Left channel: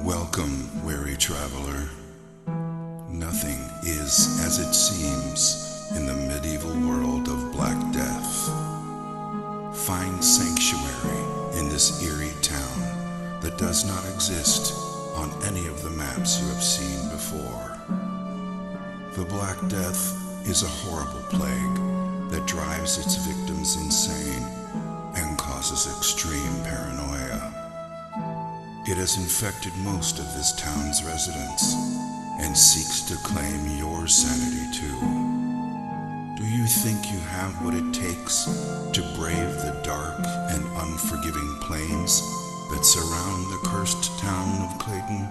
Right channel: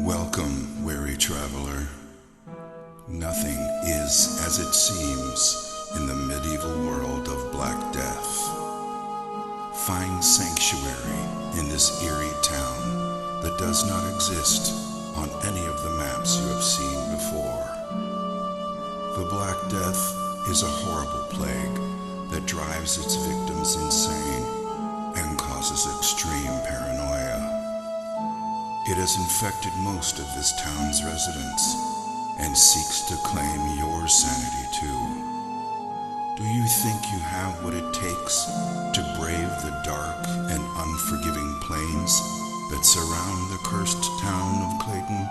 Welcome, weary traveler. Nothing is as it seems in the medieval world of Black Death. Find sanctuary in this eerie town that does not exist on any of the maps you have seen before. The Black Death is a horrible plague that drives its victims insane and causes extreme paranoia. It has infected most of this town's residents and seeks to claim your sanity too. Do you think you have what it takes to brave the dark and unforgiving plains that surround the cursed town of Clayton?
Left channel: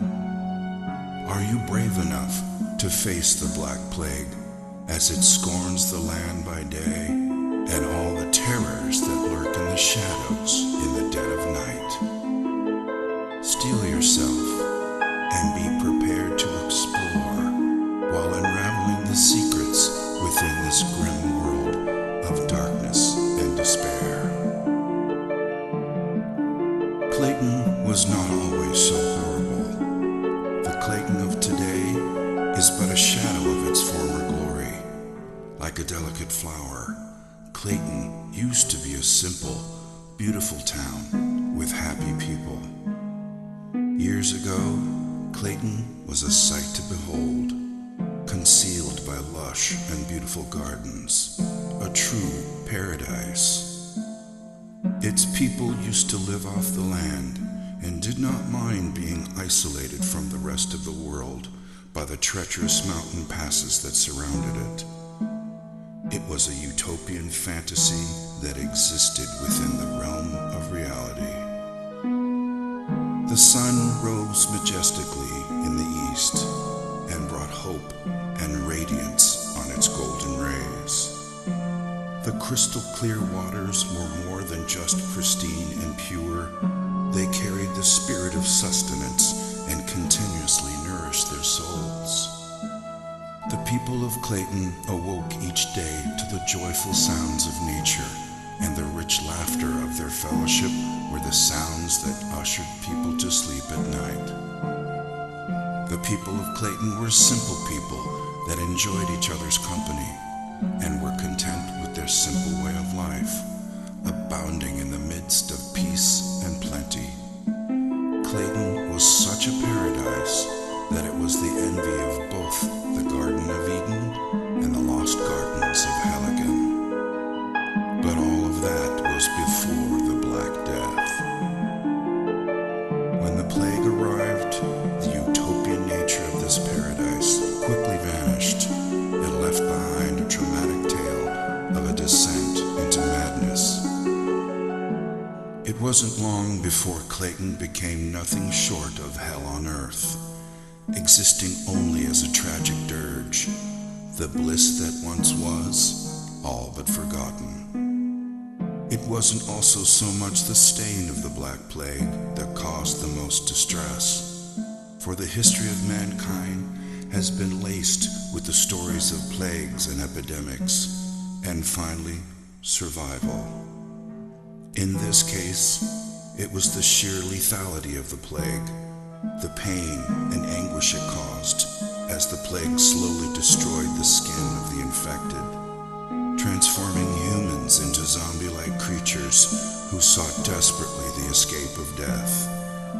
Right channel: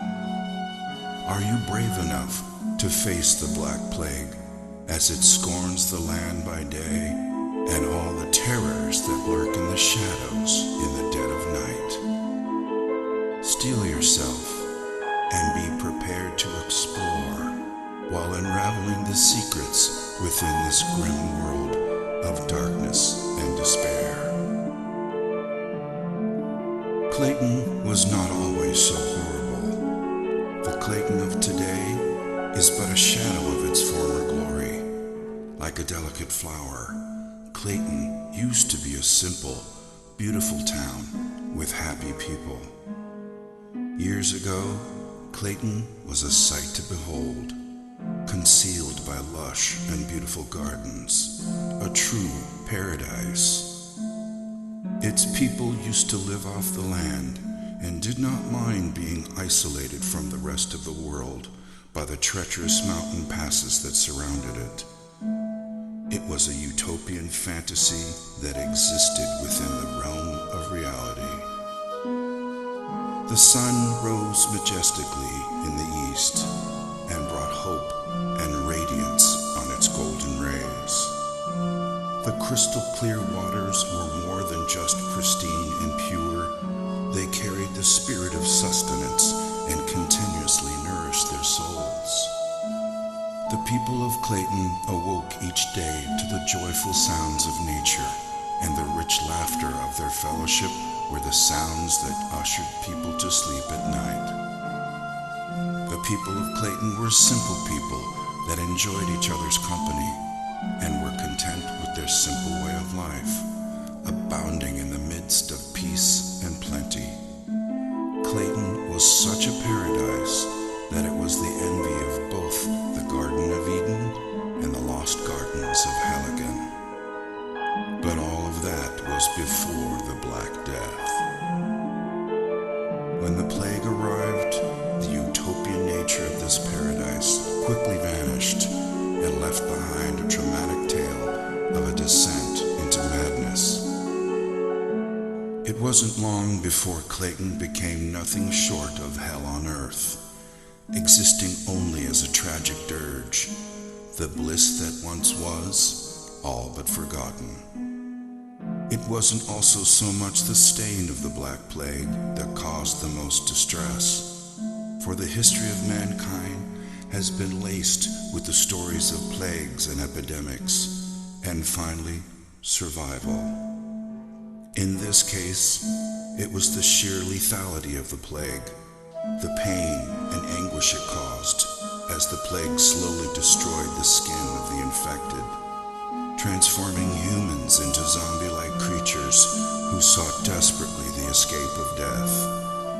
Are you brave enough to face the Black Plague as it scorns the land by day and all the terrors that lurk in the shadows in the dead of night? Steel yourself and be prepared to explore while unraveling the secrets within this grim world of darkness and despair. Clayton was not always so horrible. The Clayton of today is but a shadow of its former glory. Like a delicate flower, Clayton used to be a simple, beautiful town with happy people. Years ago, Clayton was a sight to behold, concealed by lush and beautiful gardens, a true paradise. Its people used to live off the land and did not mind being isolated from the rest of the world by the treacherous mountain passes that surrounded it. It was a utopian fantasy that existed within the realm of reality. The sun rose majestically in the east and brought hope and radiance on its golden rays. The crystal clear waters were more than just pristine and pure. They carried the spirit of sustenance and continuously nourished their souls. The people of Clayton awoke each day to the joyful sounds of nature, and the rich laughter of their fellowship were the sounds that ushered people to sleep at night. The people of Clayton were simple people that enjoyed each other's company and were content with their simple way of life, abounding in the midst of peace and plenty. Clayton was such a paradise that it was the envy of both the Garden of Eden and the lost gardens of Helligan. But all of that was before the Black Death. When the plague arrived, the utopian nature of this paradise quickly vanished and left behind a dramatic tale of a descent into madness. It wasn't long before Clayton became nothing short of hell on earth, existing only as a tragic dirge, the bliss that once was, all but forgotten. It wasn't also so much the stain of the Black Plague that caused the most distress, for the history of mankind has been laced with the stories of plagues and epidemics, and finally, survival. In this case, it was the sheer lethality of the plague, the pain and anguish it caused as the plague slowly destroyed the skin of the infected, transforming humans into zombie-like creatures who sought desperately the escape of death,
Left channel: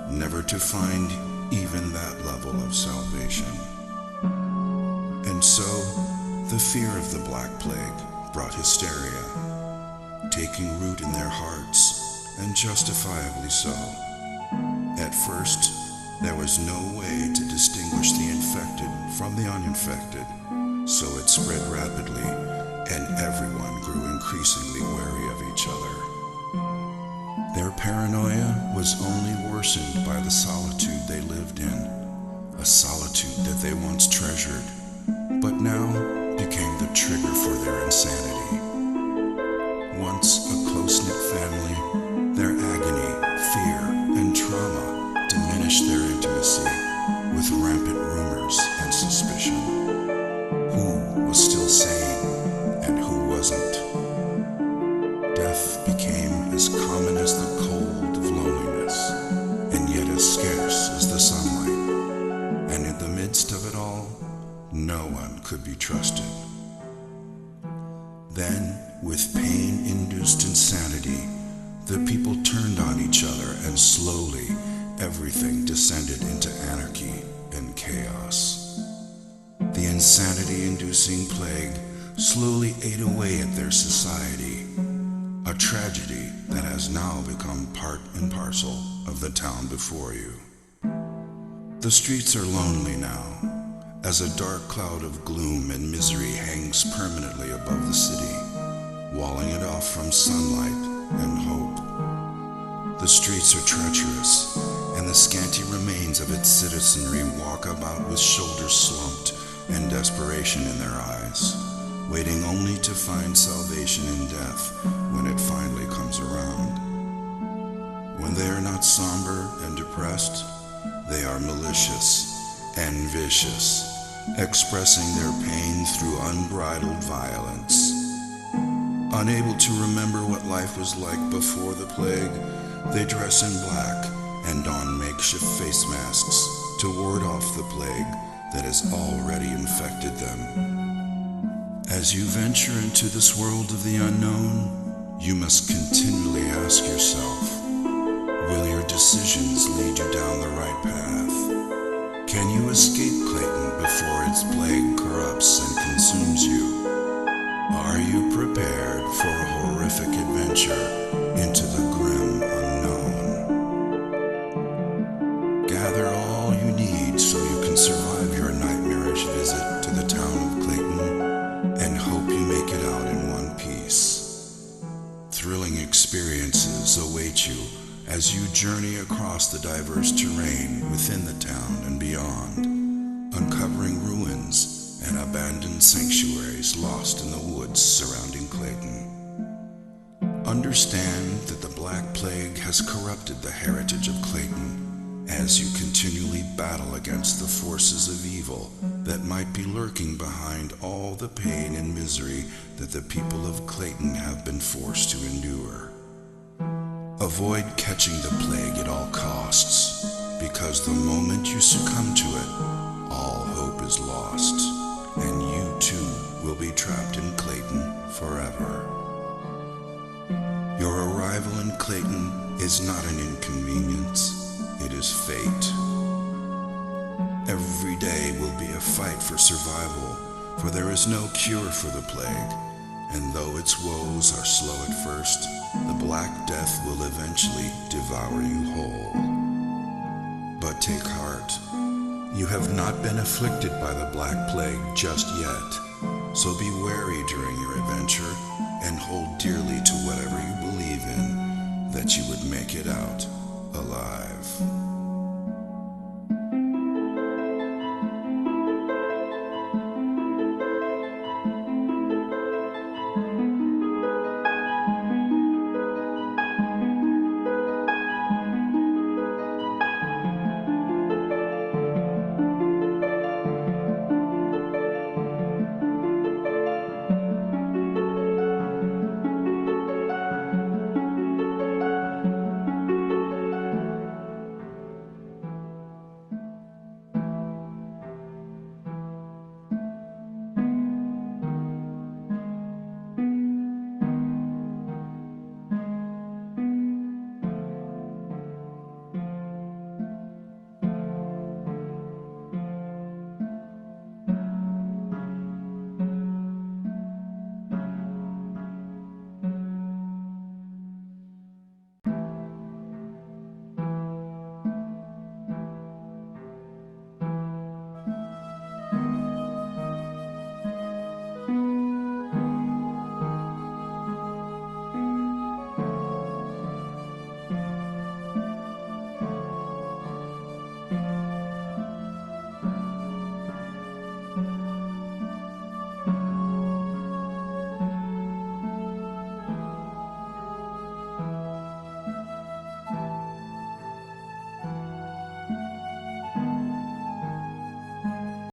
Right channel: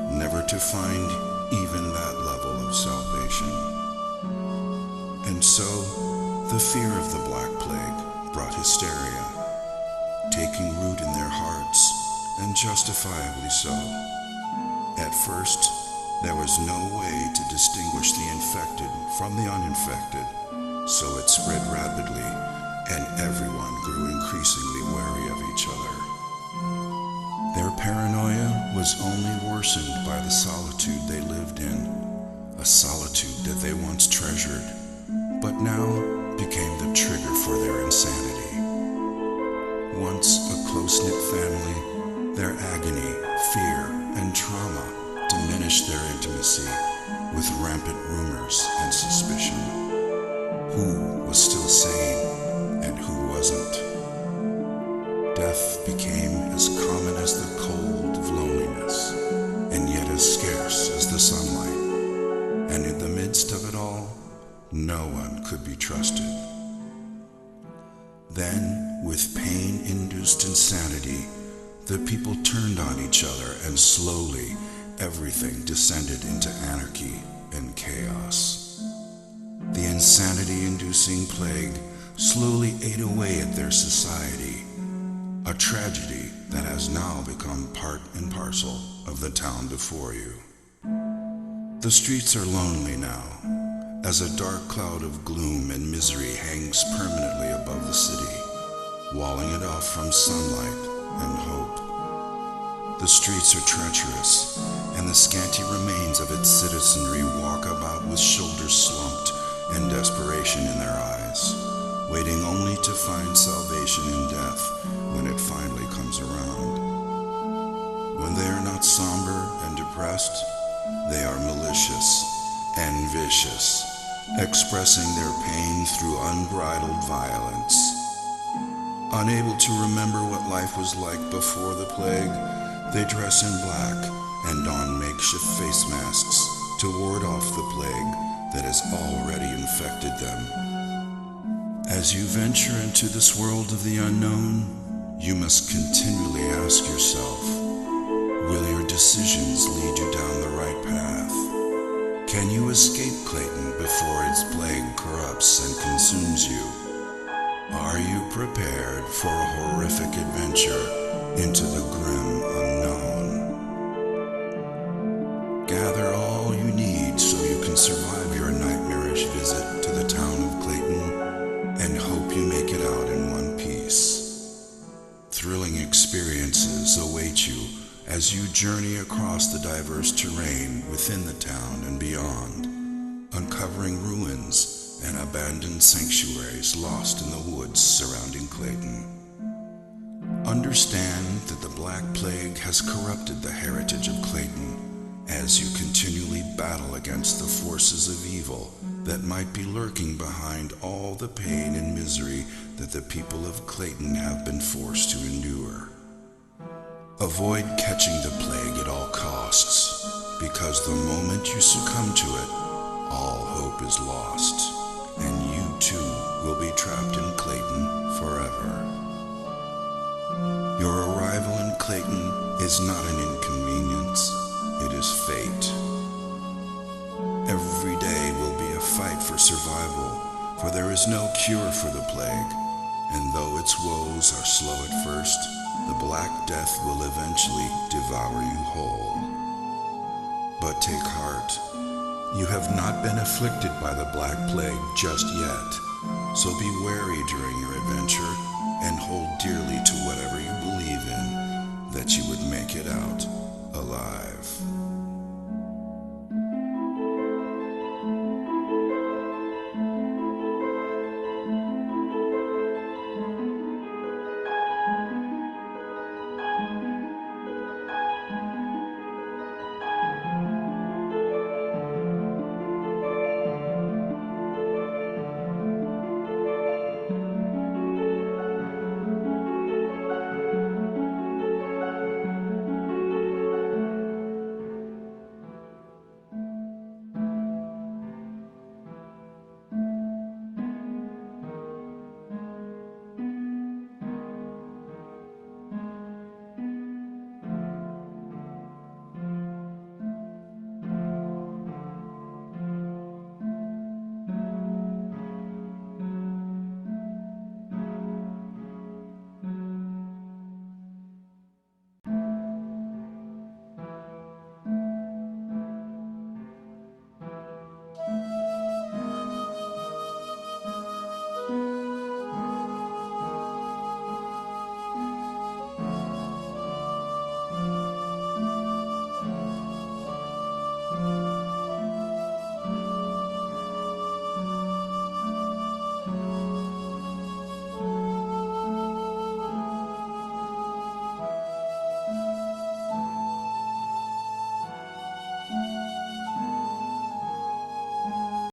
never to find even that level of salvation. And so, the fear of the Black Plague brought hysteria, taking root in their hearts, and justifiably so. At first, there was no way to distinguish the infected from the uninfected, so it spread rapidly, and everyone grew increasingly wary of each other. Their paranoia was only worsened by the solitude they lived in, a solitude that they once treasured, but now became the trigger for their insanity. Once a close-knit family, their agony, fear, and trauma diminished their intimacy with rampant rumors and suspicion. Who was still sane and who wasn't? Death became as common as the cold of loneliness, and yet as scarce as the the sunlight, and in the midst of it all, no one could be trusted. Then, with pain-induced insanity, the people turned on each other, and slowly everything descended into anarchy and chaos. The insanity-inducing plague slowly ate away at their society, a tragedy that has now become part and parcel of the town before you. The streets are lonely now, as a dark cloud of gloom and misery hangs permanently above the city, walling it off from sunlight and hope. The streets are treacherous, and the scanty remains of its citizenry walk about with shoulders slumped and desperation in their eyes, waiting only to find salvation in death when it finally comes around. When they are not somber and depressed, they are malicious and vicious, expressing their pain through unbridled violence. Unable to remember what life was like before the plague, they dress in black and don makeshift face masks to ward off the plague that has already infected them. As you venture into this world of the unknown, you must continually ask yourself, will your decisions lead you down the right path? Can you escape Clayton before its plague corrupts and consumes you? Are you prepared for a horrific adventure into the grim unknown? Gather all you need so you can survive your nightmarish visit to the town of Clayton, and hope you make it out in one piece. Thrilling experiences await you as you journey across the diverse terrain within the town and beyond, uncovering ruins and abandoned sanctuaries lost in the woods surrounding Clayton. Understand that the Black Plague has corrupted the heritage of Clayton as you continually battle against the forces of evil that might be lurking behind all the pain and misery that the people of Clayton have been forced to endure. Avoid catching the plague at all costs, because the moment you succumb to it, all hope is lost, and you too will be trapped in Clayton forever. Your arrival in Clayton is not an inconvenience, it is fate. Every day will be a fight for survival, for there is no cure for the plague, and though its woes are slow at first, the Black Death will eventually devour you whole. But take heart, you have not been afflicted by the Black Plague just yet, so be wary during your adventure and hold dearly to whatever you believe in, that you would make it out alive.